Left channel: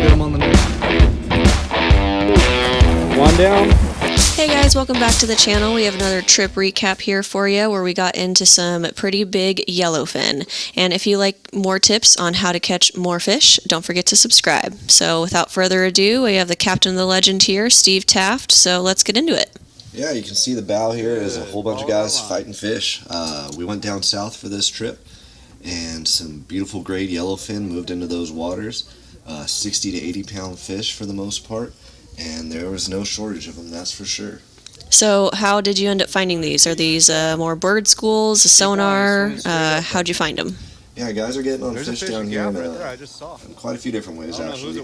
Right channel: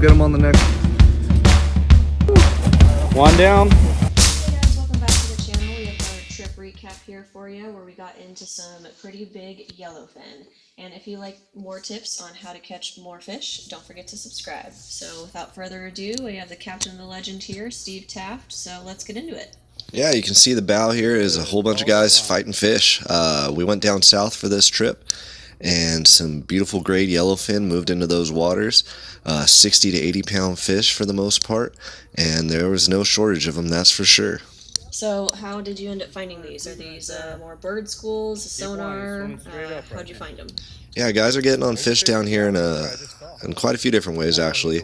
get them on the next one down. Hey guys, welcome back to the channel. We have another trip recap here for you where we got into some pretty big yellowfin. And if you like more tips on how to catch more fish, don't forget to subscribe. So without further ado, we have the captain of the legend here, Steve Taft. So let's get into it. Yeah, you can see the bow here is a whole bunch of guys fighting fish. We went down south for this trip, and some beautiful grade yellowfin moved into those waters. 60 to 80 pound fish for the most part, and there was no shortage of them, that's for sure. So how did you end up finding these? Are these more bird schools, a sonar? How'd you find them? Yeah, guys are getting on fish down here in quite a few different ways, actually.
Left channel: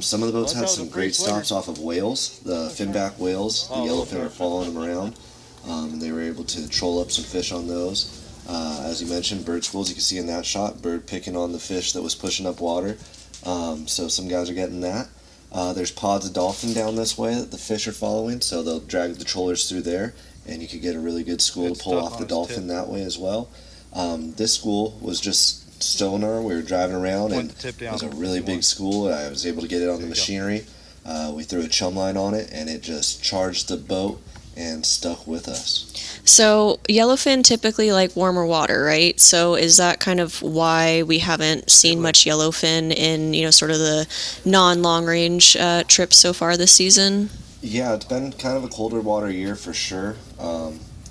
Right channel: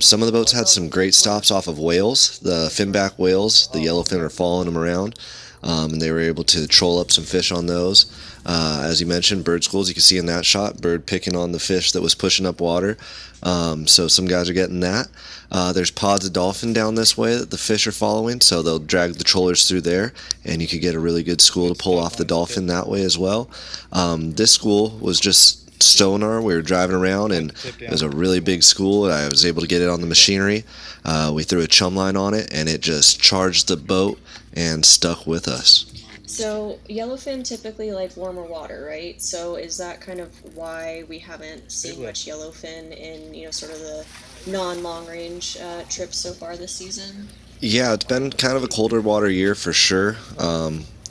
Some of the boats had some great stops off of whales, the finback whales. The yellowfin are following them around, and they were able to troll up some fish on those. As you mentioned, bird schools, you can see in that shot, bird picking on the fish that was pushing up water. So some guys are getting that. There's pods of dolphin down this way that the fish are following, so they'll drag the trollers through there, and you could get a really good school to pull off the dolphin that way as well. This school was just sonar. We were driving around, and it was a really big school. I was able to get it on the machinery. We threw a chum line on it, and it just charged the boat and stuck with us. So yellowfin typically like warmer water, right? So is that kind of why we haven't seen much yellowfin in, sort of the non-long range trips so far this season? Yeah, it's been kind of a colder water year for sure.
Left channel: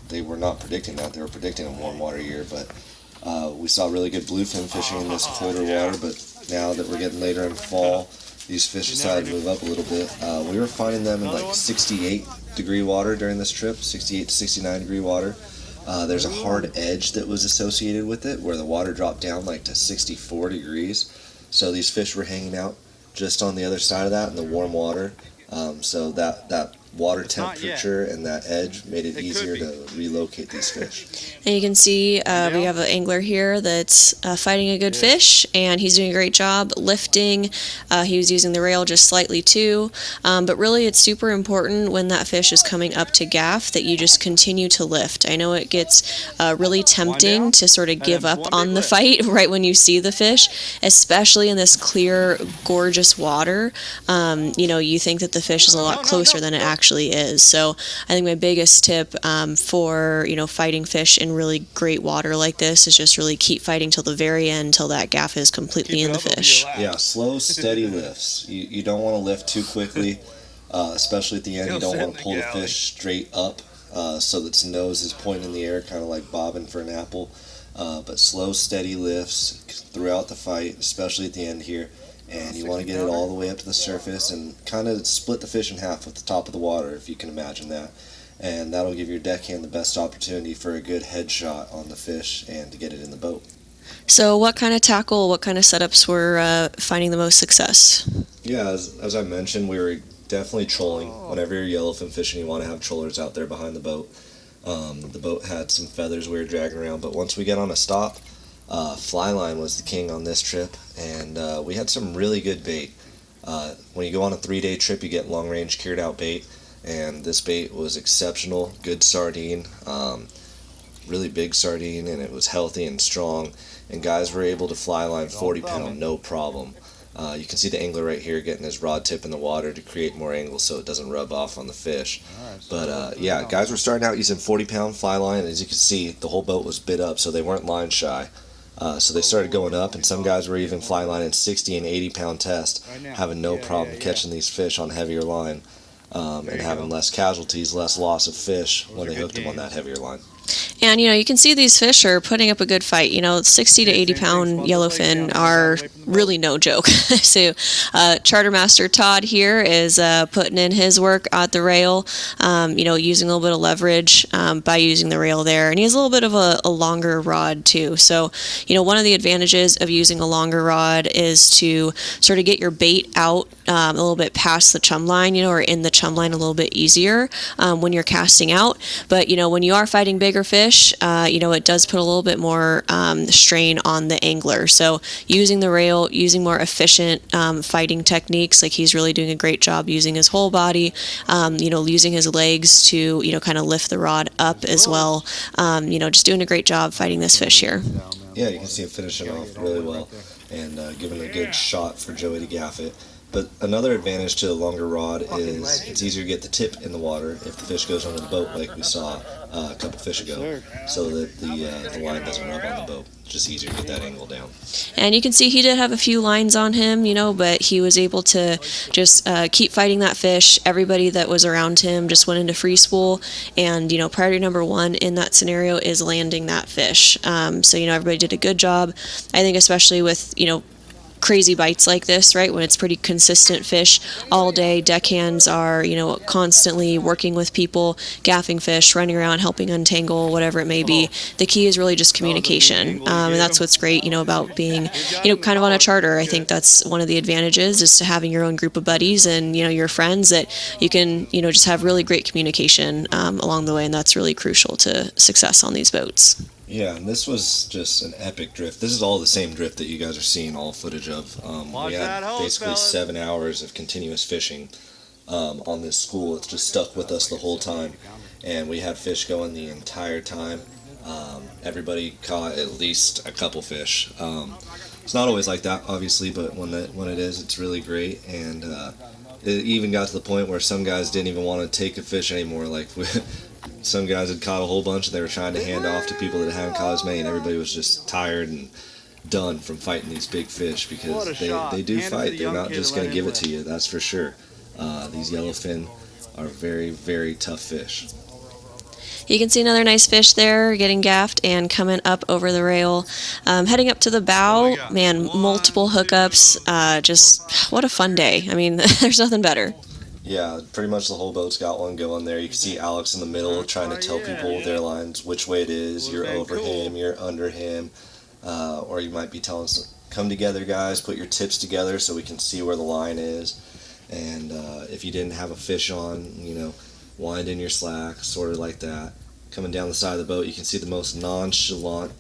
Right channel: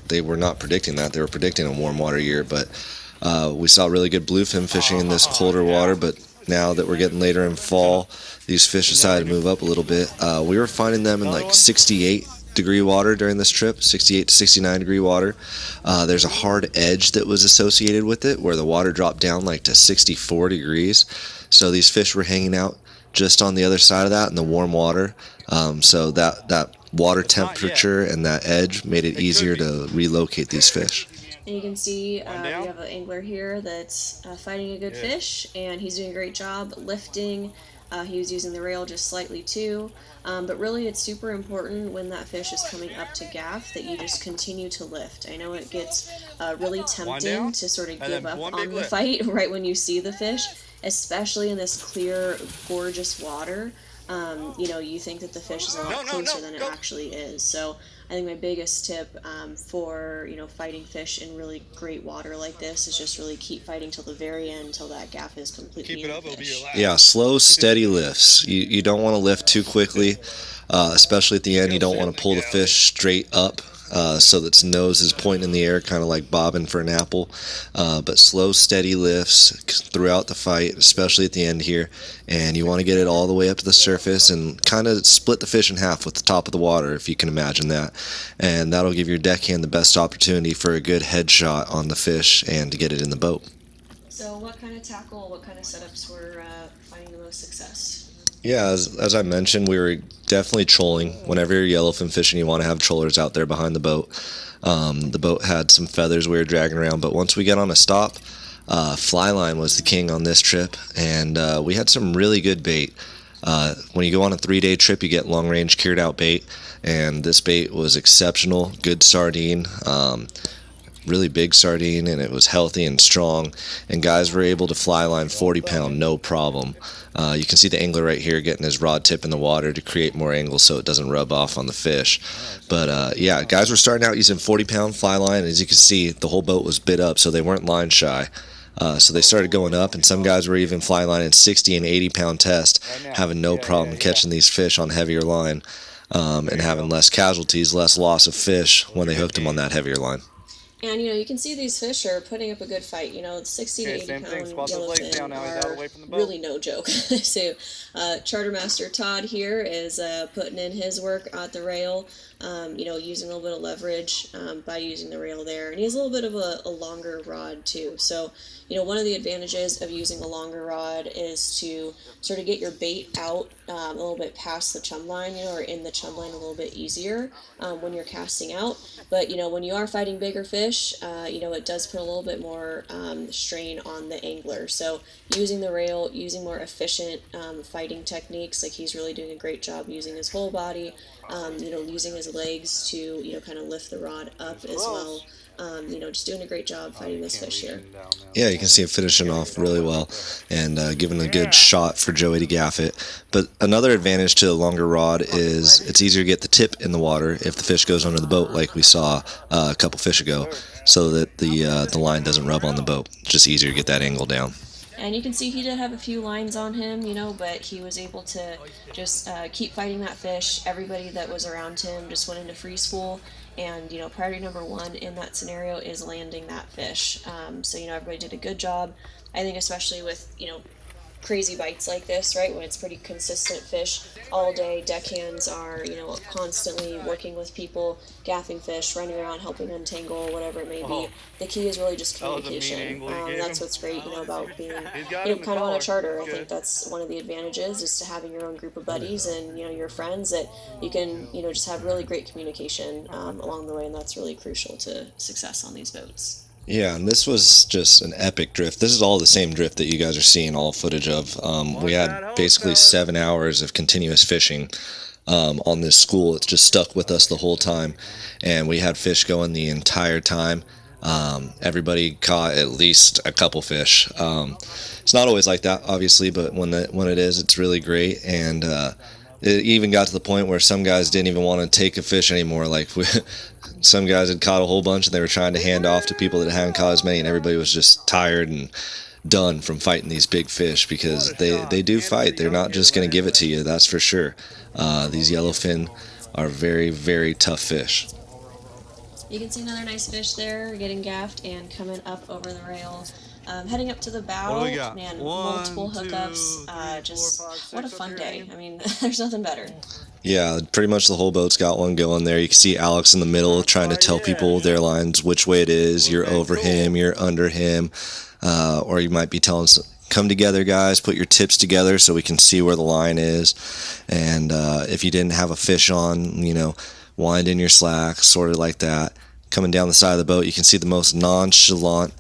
They were not predicting that. They were predicting a warm water year, but we saw really good bluefin fishing in this colder water, but now that we're getting later in fall, these fish decided to move up a little bit. We were finding them in like 68 degree water during this trip, 68 to 69 degree water. There's a hard edge that was associated with it where the water dropped down like to 64 degrees. So these fish were hanging out just on the other side of that in the warm water. So that water temperature and that edge made it easier to relocate these fish. And you can see we have an angler here that's fighting a good fish, and he's doing a great job lifting. He was using the rail just slightly too, but really it's super important when that fish is coming up to gaff that you just continue to lift. I know it gets really tempting to sort of give up on the fight right when you see the fish, especially in this clear, gorgeous water. You think that the fish is a lot closer than it actually is. So I think my biggest tip for fighting fish in really great water like this is just really keep fighting till the very end, till that gaff is completely in the fish. Yeah, slow, steady lifts. You don't want to lift too quickly, especially at the end. You don't want to pull the fish straight up so that its nose is pointing in the air, kind of like bobbing for an apple. But slow, steady lifts throughout the fight, especially at the end here. And you want to get it all the way up to the surface and kind of split the fish in half with the top of the water, if you can imagine that. And that'll give your deckhand the best opportunity for a good headshot on the fish and to get it in the boat. So what kind of tackle, what kind of setups were finding the most success? Yeah, as I mentioned, we were definitely trolling. Whenever you're yellowfin fishing, you want to have trollers out there behind the boat. The boat had some feathers we were dragging around, but once we got on a stop, fly line was the king on this trip, and we had some really good bait. When you go on a 3-day trip, you get long-range cured out bait, and this bait was exceptional. Good sardine, really big sardine, and it was healthy and strong, and guys were able to fly line 40 pound no problem. You can see the angler right here getting his rod tip in the water to create more angle so it doesn't rub off on the fish. But yeah, guys were starting out using 40 pound fly line. As you can see, the whole boat was bit up, so they weren't line shy. So they started going up, and some guys were even fly lining 60 and 80 pound test, having no problem catching these fish on heavier line, and having less casualties, less loss of fish when they hooked them on that heavier line. And you can see these fish are putting up a good fight. 60 to 80 pound yellowfin are really no joke. So Chartermaster Todd here is putting in his work at the rail, using a little bit of leverage by using the rail there. And he has a little bit of a longer rod too. So, one of the advantages of using a longer rod is to sort of get your bait out a little bit past the chum line, or in the chum line a little bit easier when you're casting out. But, when you are fighting bigger fish, it does put a little bit more strain on the angler. So using the rail, using more efficient fighting techniques, like he's really doing a great job using his whole body, using his legs to, kind of lift the rod up as well. Just doing a great job fighting this fish here. Yeah, you can see him finishing off really well and giving a good shot for Joey to gaff it. But another advantage to the longer rod is it's easier to get the tip in the water if the fish goes under the boat, like we saw a couple fish ago, so that the line doesn't rub on the boat. It's just easier to get that angle down. And you can see he did have a few lines on him, but he was able to just keep fighting that fish. Everybody that was around him just went into free spool, and priority number one in that scenario is landing that fish. So everybody did a good job. I think especially with crazy bites like this, right, when it's pretty consistent fish all day, deckhands are constantly working with people, gaffing fish, running around, helping untangle, whatever it may be. The key is really just communication, and that's what's great about being kind of on a charter. I think that's one of the advantages, is to having your own group of buddies and your friends that you can just have really great communication along the way, and that's really crucial to success on these boats. Yeah, and this was just an epic drift. This is all the same drift that you guys are seeing all footage of. We had basically 7 hours of continuous fishing on this school. It's just stuck with us the whole time, and we had fish going the entire time. Everybody caught at least a couple fish. It's not always like that, obviously, but when it is, it's really great. And it even got to the point where some guys didn't even want to take a fish anymore. Like some guys had caught a whole bunch and they were trying to hand off to people that hadn't caught as many, and everybody was just tired and done from fighting these big fish, because they do fight. They're not just going to give it to you, that's for sure. These yellowfin are very, very tough fish. You can see another nice fish there getting gaffed and coming up over the rail. Heading up to the bow, man, multiple hookups. Just what a fun day. I mean, there's nothing better. Yeah, pretty much the whole boat's got one going there. You can see Alex in the middle trying to tell people their lines, which way it is. You're over him, you're under him. Or you might be telling them, come together, guys, put your tips together so we can see where the line is. And if you didn't have a fish on, wind in your slack, sort of like that. Coming down the side of the boat, you can see the most nonchalant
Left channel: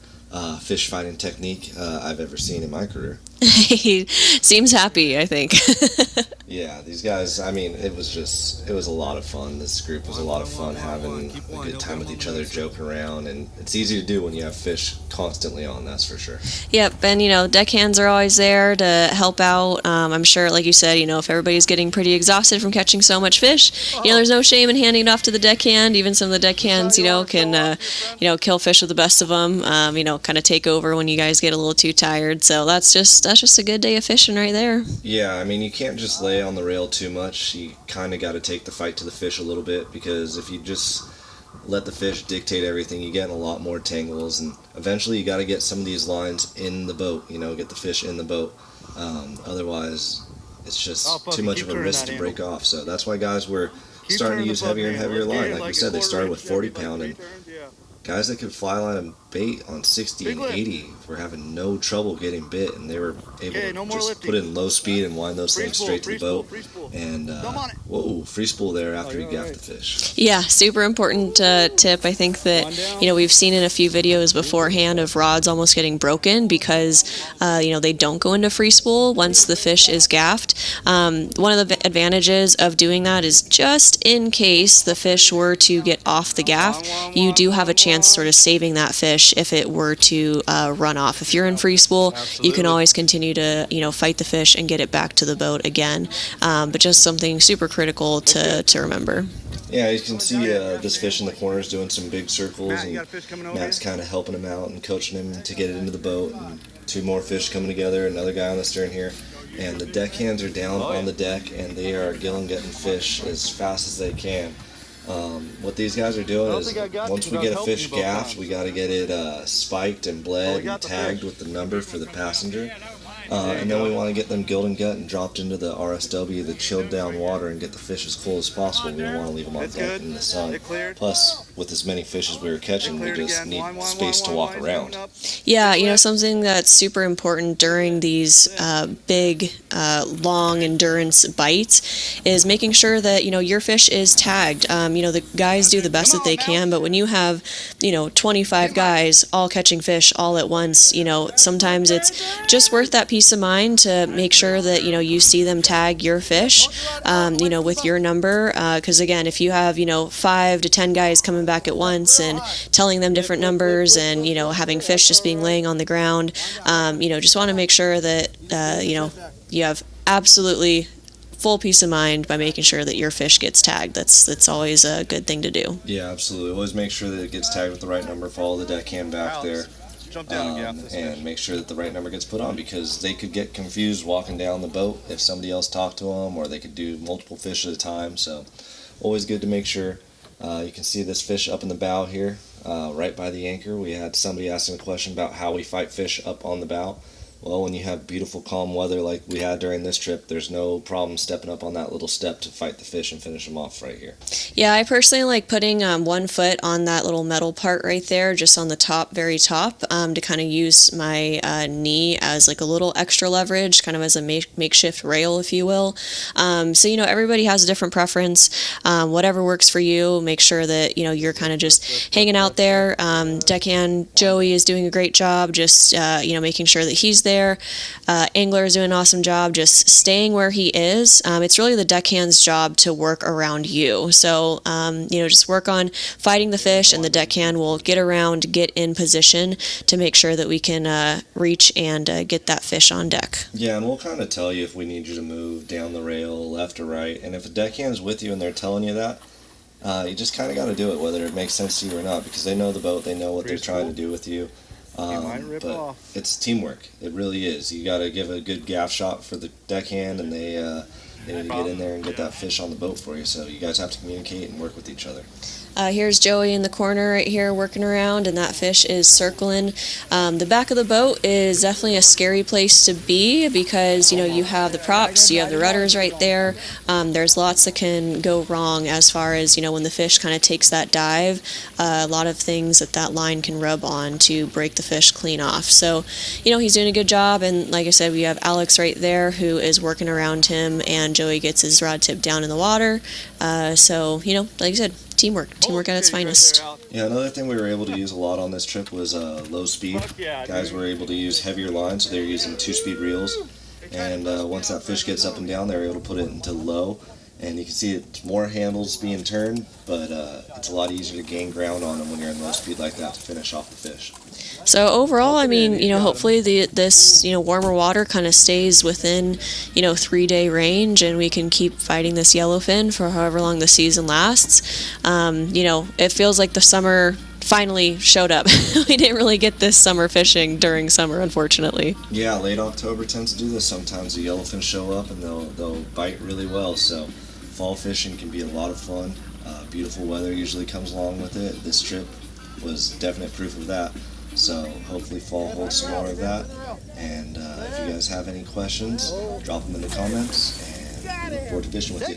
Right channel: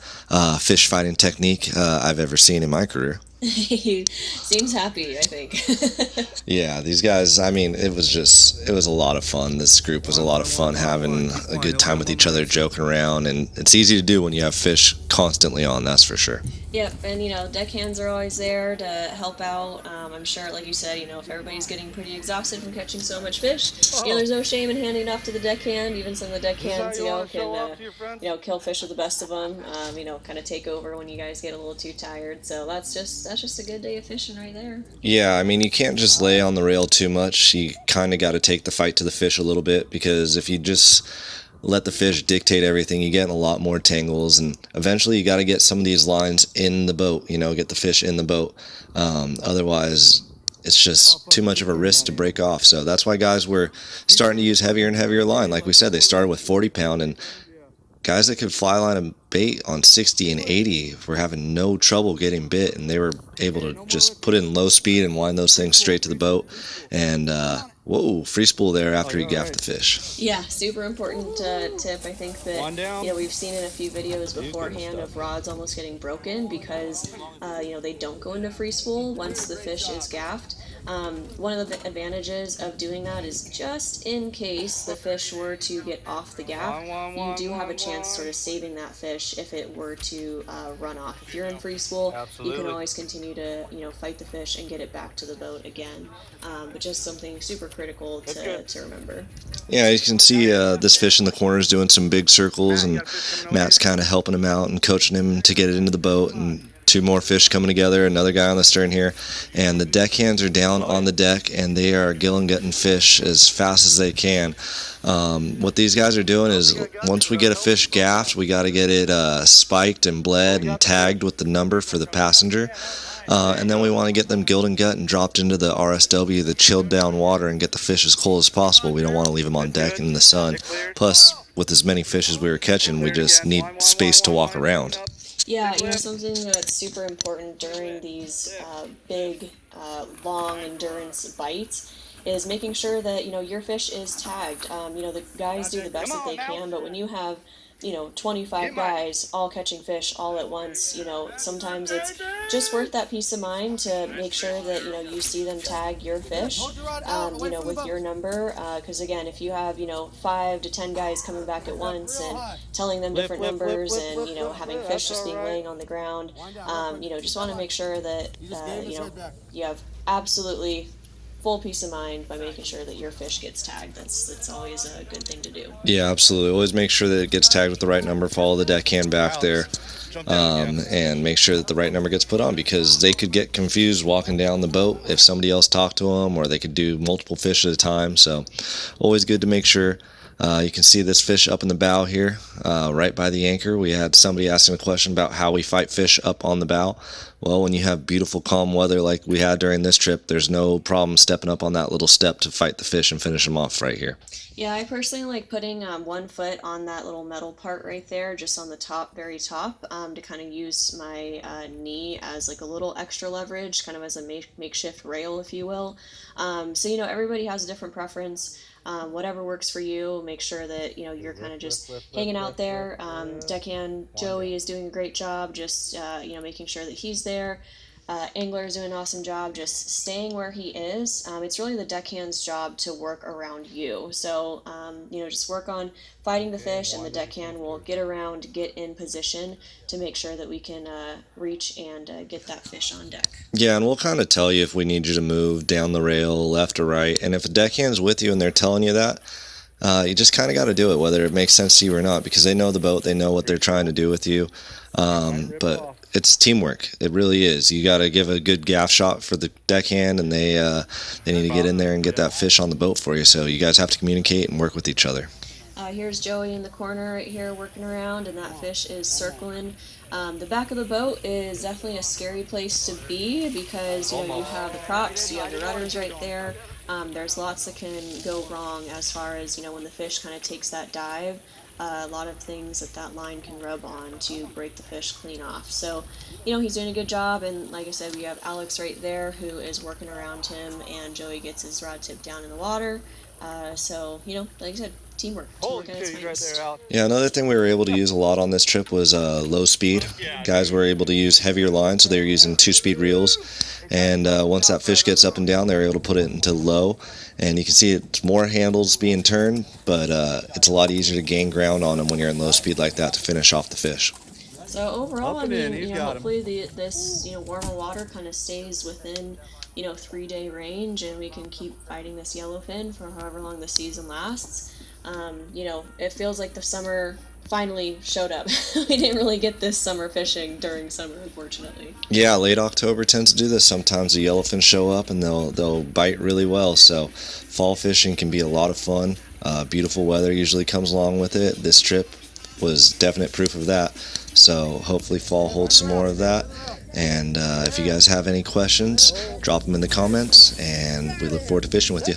fish fighting technique I've ever seen in my career. He seems happy, I think. Yeah, these guys, I mean, it was a lot of fun. This group was a lot of fun, having a good time with each other, joking around, and it's easy to do when you have fish constantly on, that's for sure. Yep, and deckhands are always there to help out. I'm sure, like you said, if everybody's getting pretty exhausted from catching so much fish, there's no shame in handing it off to the deckhand. Even some of the deckhands, can, kill fish with the best of them, kind of take over when you guys get a little too tired. So that's just a good day of fishing right there. Yeah, I mean, you can't just lay on the rail too much. You kind of got to take the fight to the fish a little bit, because if you just let the fish dictate everything, you get in a lot more tangles, and eventually you got to get some of these lines in the boat, get the fish in the boat. Otherwise, it's just too much of a risk to break off. So that's why guys were starting to use heavier and heavier line. Like we said, they started with 40-pound, and guys that could fly line a bait on 60 and 80 were having no trouble getting bit, and they were able to just put in low speed and wind those things straight to the boat. And whoa, free spool there after you gaff the fish. Yeah, super important tip. I think that we've seen in a few videos beforehand of rods almost getting broken because they don't go into free spool once the fish is gaffed. One of the advantages of doing that is, just in case the fish were to get off the gaff, you do have a chance sort of saving that fish if it were to run off. If you're in free spool, you can always continue to fight the fish and get it back to the boat again. But just something super critical to remember. Yeah, you can see this fish in the corner is doing some big circles, and Matt's kind of helping him out and coaching him to get it into the boat. And two more fish coming together, another guy on the stern here, and the deckhands are down on the deck, and they are gilling fish as fast as they can. What these guys are doing is, once we get a fish gaffed, we got to get it spiked and bled and tagged with the number for the passenger. And then we want to get them gilled and gut and dropped into the RSW, the chilled down water, and get the fish as cold as possible. We don't want to leave them on deck in the sun. Plus, with as many fish as we were catching, we just need space to walk around. Yeah, something that's super important during these big, long endurance bites is making sure that, your fish is tagged. The guys do the best that they can, but when you have, 25 guys all catching fish all at once, sometimes it's just worth that peace of mind to make sure that, you see them tag your fish, with your number. Because again, if you have, 5 to 10 guys coming back at once and telling them different numbers and, having fish just being laying on the ground, just want to make sure that, you have absolutely full peace of mind by making sure that your fish gets tagged. That's always a good thing to do. Yeah, absolutely. Always make sure that it gets tagged with the right number. Follow the deckhand back there, and make sure that the right number gets put on, because they could get confused walking down the boat if somebody else talked to them, or they could do multiple fish at a time. So always good to make sure. You can see this fish up in the bow here, right by the anchor. We had somebody asking a question about how we fight fish up on the bow. Well, when you have beautiful calm weather like we had during this trip, there's no problem stepping up on that little step to fight the fish and finish them off right here. Yeah, I personally like putting 1 foot on that little metal part right there, just on the top, very top, to kind of use my knee as like a little extra leverage, kind of as a makeshift rail, if you will. So, everybody has a different preference. Whatever works for you, make sure that, you're kind of just hanging out there. Deckhand Joey is doing a great job, just, making sure that he's there. Angler is doing an awesome job just staying where he is. It's really the deckhand's job to work around you. So, just work on fighting the fish, and the deckhand will get around, get in position to make sure that we can reach and get that fish on deck. Yeah, and we'll kind of tell you if we need you to move down the rail, left or right. And if a deckhand's with you and they're telling you that, you just kind of got to do it, whether it makes sense to you or not, because they know the boat, they know what they're trying to do with you. But it's teamwork. It really is. You got to give a good gaff shot for the deckhand, and they need to get in there and get that fish on the boat for you. So you guys have to communicate and work with each other. Here's Joey in the corner right here working around, and that fish is circling. The back of the boat is definitely a scary place to be, because you have the props, you have the rudders right there. There's lots that can go wrong as far as when the fish kind of takes that dive. A lot of things that line can rub on to break the fish clean off. So he's doing a good job, and like I said, we have Alex right there who is working around him, and Joey gets his rod tip down in the water. So like I said, teamwork at its finest. Yeah, another thing we were able to use a lot on this trip was low speed. Guys were able to use heavier lines, so they were using 2-speed reels, and once that fish gets up and down, they're able to put it into low, and you can see it's more handles being turned, but it's a lot easier to gain ground on them when you're in low speed like that to finish off the fish. So overall, I mean, hopefully this, warmer water kind of stays within, 3-day range, and we can keep fighting this yellowfin for however long the season lasts. It feels like the summer finally showed up. We didn't really get this summer fishing during summer, unfortunately. Yeah, late October tends to do this. Sometimes the yellowfin show up and they'll bite really well. So fall fishing can be a lot of fun. Beautiful weather usually comes along with it. This trip was definite proof of that. So hopefully fall holds some more of that. And if you guys have any questions, drop them in the comments, and we look forward to fishing with you.